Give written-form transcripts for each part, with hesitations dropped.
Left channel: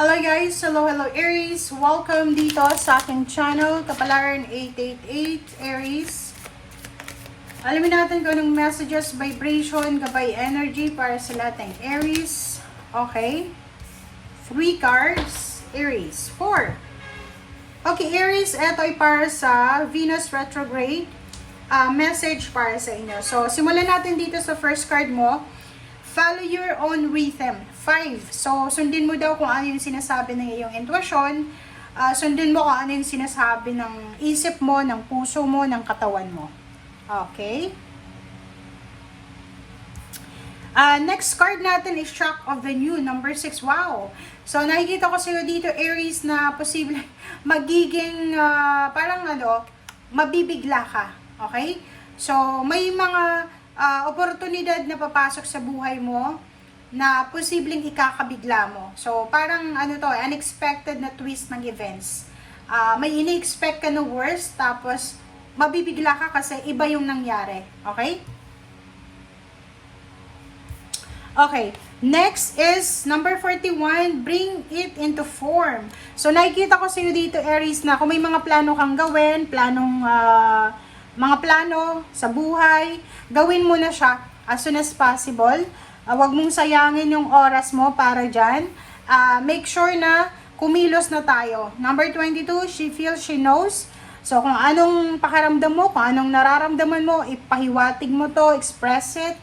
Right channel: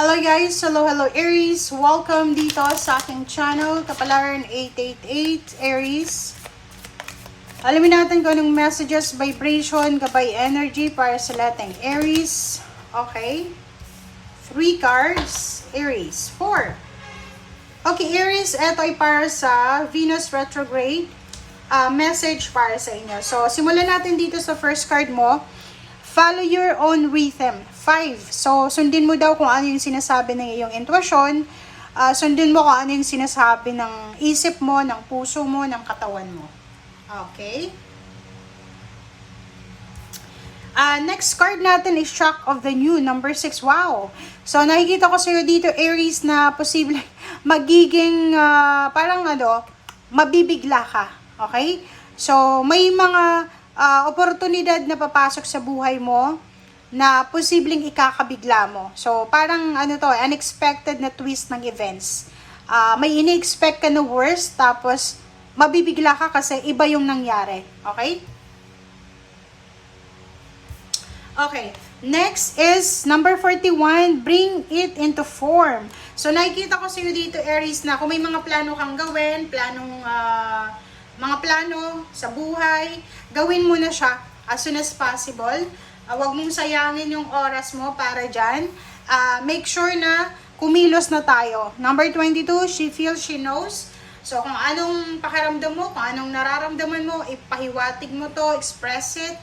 Hello guys! Hello Aries! Welcome dito sa aking channel, Kapalaran 888 Aries. Alamin natin kung anong messages, vibration, gabay energy para sa lahat ng Aries. Okay. 3 cards, Aries. 4. Okay, Aries, ito ay para sa Venus retrograde. Message para sa inyo. So, simulan natin dito sa first card mo. Follow your own rhythm. 5. So, sundin mo daw kung ano yung sinasabi ng iyong intuition. Sundin mo kung ano yung sinasabi ng isip mo, ng puso mo, ng katawan mo. Okay? Next card natin is Shock of the New, number 6. Wow! So, nakikita ko sa'yo dito, Aries, na posible magiging mabibigla ka. Okay? So, may mga oportunidad na papasok sa buhay mo na posibleng ikakabigla mo. So, parang unexpected na twist ng events. May ini-expect ka na worst, tapos mabibigla ka kasi iba yung nangyari. Okay? Okay. Next is number 41, bring it into form. So, nakikita ko sa'yo dito, Aries, na kung may mga plano kang gawin, mga plano sa buhay, gawin mo na siya as soon as possible. Huwag mong sayangin yung oras mo para dyan. Make sure na kumilos na tayo. Number 22, she feels, she knows. So, kung anong pakiramdam mo, kung anong nararamdaman mo, ipahiwatig mo to, express it.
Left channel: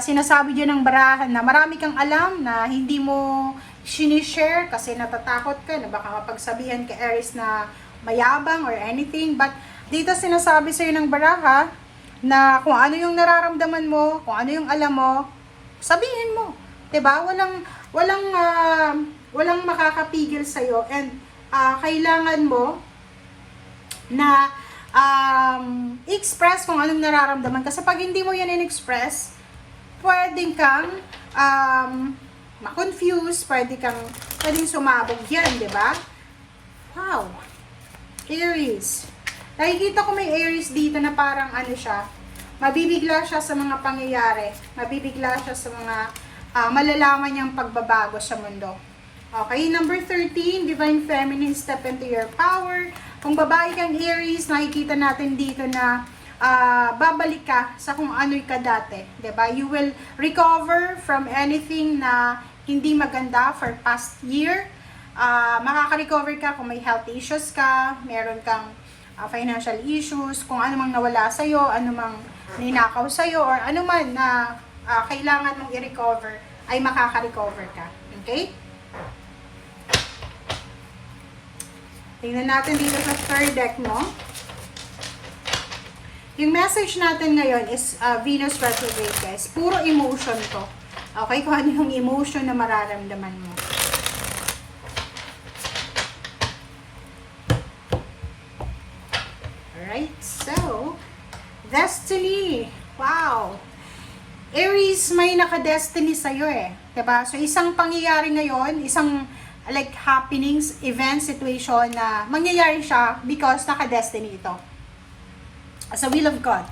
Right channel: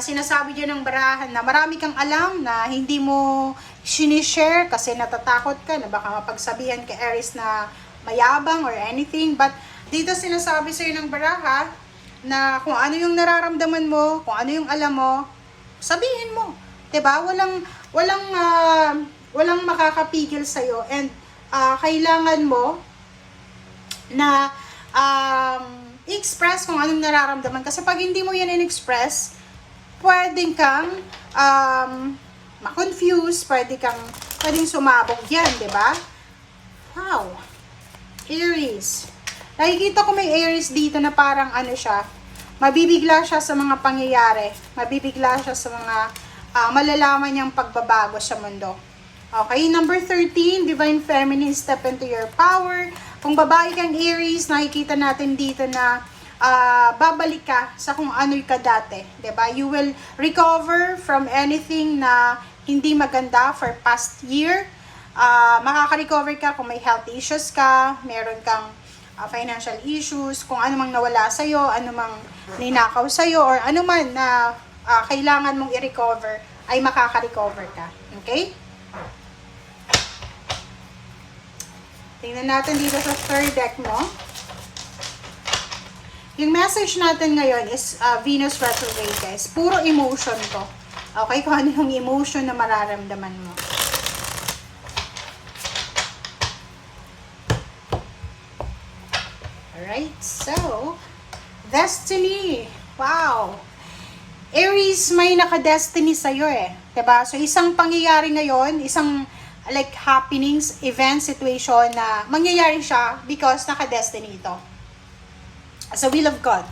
Sinasabi dyan ng barahan na marami kang alam na hindi mo sinishare kasi natatakot ka na baka mapagsabihan ka, Aries, na mayabang or anything. But dito sinasabi sa'yo ng baraha na kung ano yung nararamdaman mo, kung ano yung alam mo, sabihin mo. 'Di ba? Walang makakapigil sa'yo, and kailangan mo na express kung anong nararamdaman. Kasi pag hindi mo yan in-express, pwedeng kang ma-confuse, pwedeng sumabog yan, 'di ba? Wow! Aries. Nakikita ko may Aries dito na parang mabibigla siya sa mga pangyayari. Mabibigla siya sa mga malalaman niyang pagbabago sa mundo. Okay, number 13, Divine Feminine, step into your power. Kung babae kang Aries, nakikita natin dito na babalik ka sa kung ano'y ka dati. Diba? You will recover from anything na hindi maganda for past year. Makaka-recover ka kung may health issues ka, meron kang financial issues, kung ano mang nawala sa'yo, ano mang ninakaw sa'yo, or ano man na kailangan mong i-recover, ay makaka-recover ka. Okay? Tingnan natin dito sa third deck mo. Yung message natin ngayon is Venus retrograde, guys. Puro emotion to. Okay? Kung ano yung emotion na mararamdaman mo. Alright, so, destiny. Wow. Aries, may naka-destiny sa'yo Diba? So, isang pangyayari ngayon, isang happenings, event, situation na mangyayari siya because naka-destiny ito. As a will of God.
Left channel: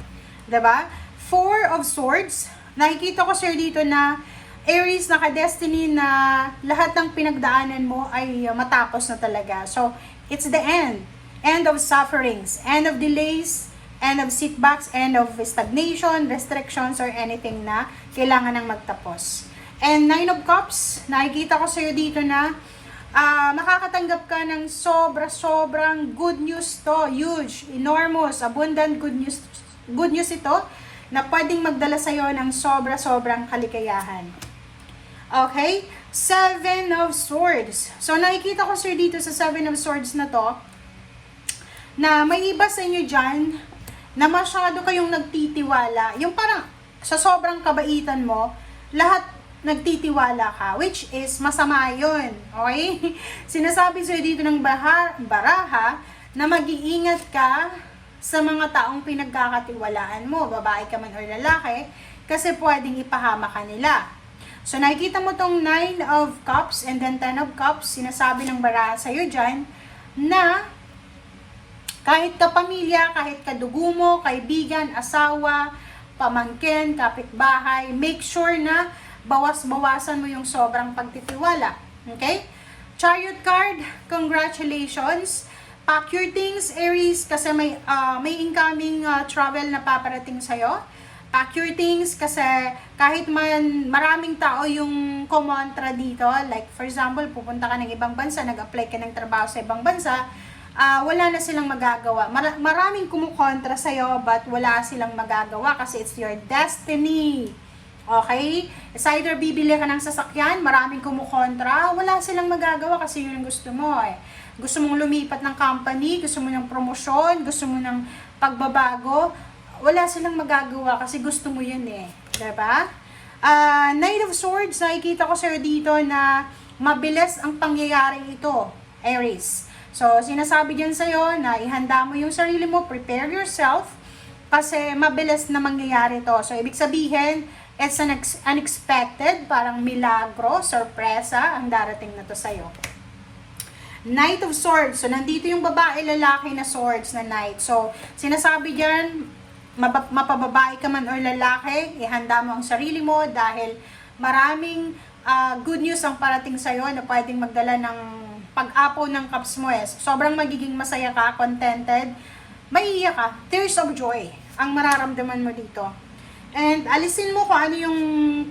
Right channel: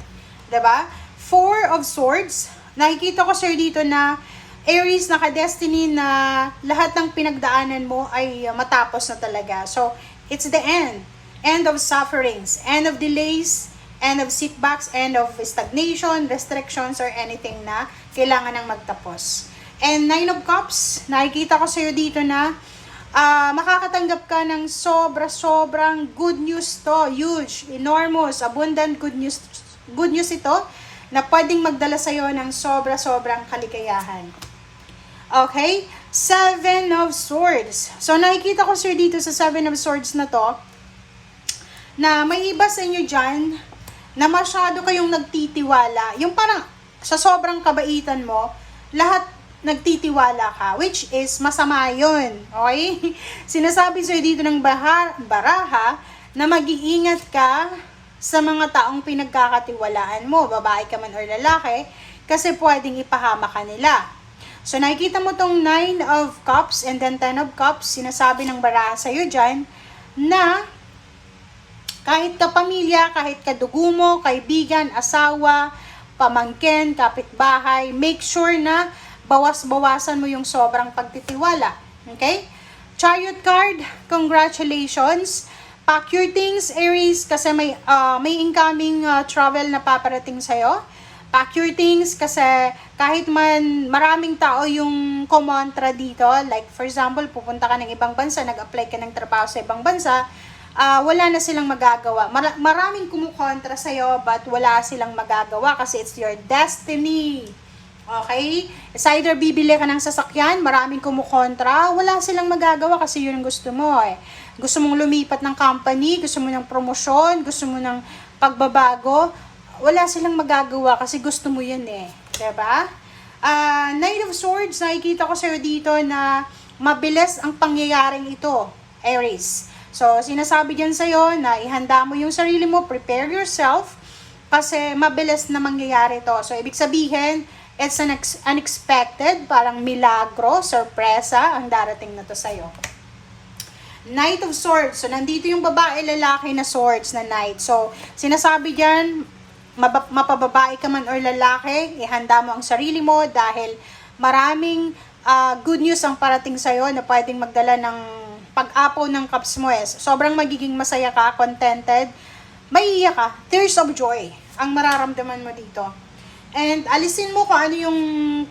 Diba? 4 of Swords. Nakikita ko sa'yo dito na Aries, naka-destiny na lahat ng pinagdaanan mo ay matapos na talaga. So, it's the end. End of sufferings, end of delays, end of setbacks, end of stagnation, restrictions, or anything na kailangan ng magtapos. And 9 of Cups, nakikita ko sa'yo dito na makakatanggap ka ng sobrang good news to. Huge, enormous, abundant good news ito na pwedeng magdala sa'yo ng sobrang kaligayahan. Okay? 7 of Swords. So, nakikita ko sa'yo dito sa 7 of Swords na to, na may iba sa inyo dyan na masyado kayong nagtitiwala. Yung parang sa sobrang kabaitan mo, lahat nagtitiwala ka, which is masama yun. Okay? Sinasabi sa'yo dito ng baraha na mag-iingat ka sa mga taong pinagkakatiwalaan mo, babae ka man or lalaki, kasi pwedeng ipahama ka nila. So, nakikita mo tong 9 of Cups and then 10 of Cups, sinasabi ng baraha sa'yo dyan na kahit kapamilya, kahit kadugo mo, kaibigan, asawa, pamangkin, kapitbahay, make sure na bawas-bawasan mo yung sobrang pagtitiwala. Okay? Chariot card, congratulations. Pack your things, Aries, kasi may incoming travel na paparating sa'yo. Pack your things kasi kahit man maraming tao yung kumontra dito, like for example, pupunta ka ng ibang bansa, nag-apply ka ng trabaho sa ibang bansa, wala na silang magagawa. Maraming kumukontra sa'yo, but wala silang magagawa kasi it's your destiny. Okay? It's either bibili ka ng sasakyan, maraming kumukontra, wala silang magagawa kasi yun ang gusto mo eh. Gusto mong lumipat ng company, gusto mo ng promosyon, gusto mo ng pagbabago, wala silang magagawa kasi gusto mo yun eh. Diba? Knight of Swords, nakikita ko sa'yo dito na mabilis ang pangyayaring ito, Aries. So, sinasabi dyan sa'yo na ihanda mo yung sarili mo, prepare yourself, kasi mabilis na mangyayari to. So, ibig sabihin, it's an unexpected, parang milagro, sorpresa, ang darating na to sa'yo. Knight of Swords. So, nandito yung babae, lalaki na swords na knight. So, sinasabi dyan, mapababae ka man or lalaki, ihanda mo ang sarili mo dahil maraming good news ang parating sa'yo na pwedeng magdala ng pag-apaw ng cups mo eh. Sobrang magiging masaya ka, contented, maiiyak ka, tears of joy ang mararamdaman mo dito. And alisin mo kung ano yung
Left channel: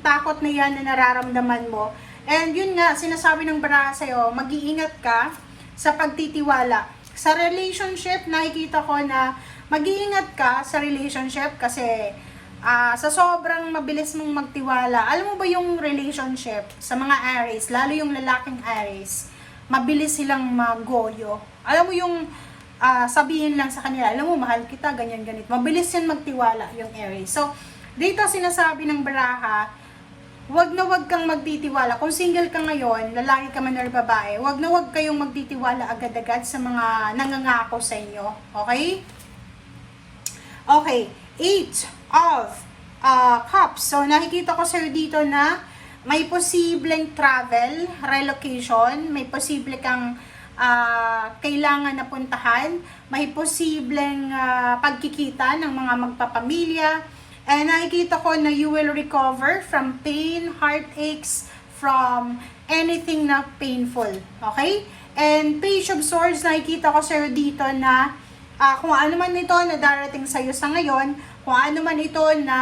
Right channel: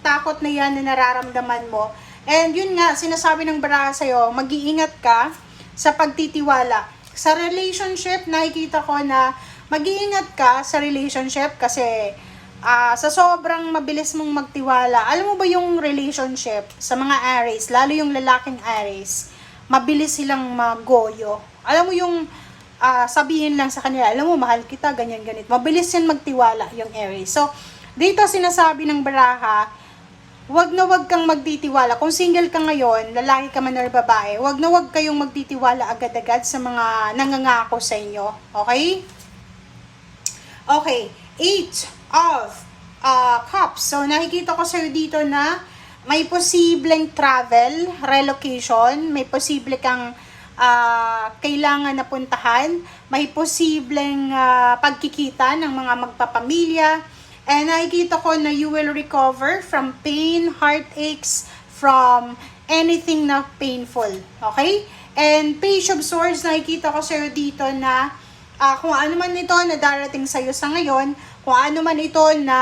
takot na yan na nararamdaman mo. And yun nga, sinasabi ng baraha sa'yo, mag-iingat ka sa pagtitiwala. Sa relationship, nakikita ko na mag-iingat ka sa relationship kasi sa sobrang mabilis mong magtiwala. Alam mo ba yung relationship sa mga Aries, lalo yung lalaking Aries, mabilis silang magoyo. Alam mo yung sabihin lang sa kanila, alam mo, mahal kita, ganyan, ganit. Mabilis yan magtiwala yung Aries. So, dito sinasabi ng baraha, wag na wag kang magtitiwala. Kung single ka ngayon, lalaki ka man or babae, wag na wag kayong magtitiwala agad-agad sa mga nangangako sa inyo. Okay? Okay. 8 of Cups. So, nakikita ko sa'yo dito na may posibleng travel, relocation, may posible kang kailangan na puntahan, may posibleng pagkikita ng mga magpapamilya. And nakikita ko na you will recover from pain, heartaches, from anything na painful. Okay? And Page of Swords, nakikita ko sa'yo dito na kung ano man ito na darating sa'yo sa ngayon, kung ano man ito na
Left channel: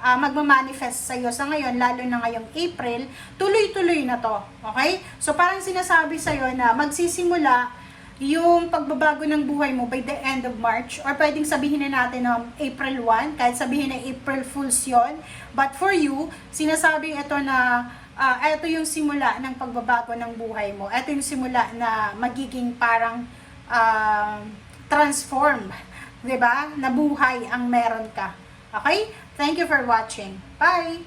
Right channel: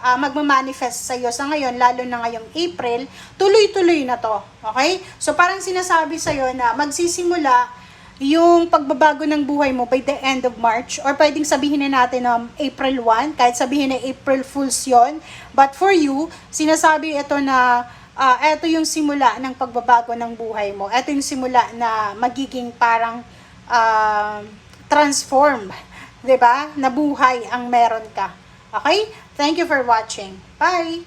magmamanifest sa'yo sa ngayon, lalo na ngayong April, tuloy-tuloy na to. Okay? So parang sinasabi sa'yo na magsisimula yung pagbabago ng buhay mo by the end of March, or pwedeng sabihin na natin April 1, kahit sabihin na April Fools yon. But for you, sinasabi ito na ito yung simula ng pagbabago ng buhay mo. Ito yung simula na magiging parang transform, 'di ba? Na buhay ang meron ka. Okay? Thank you for watching. Bye!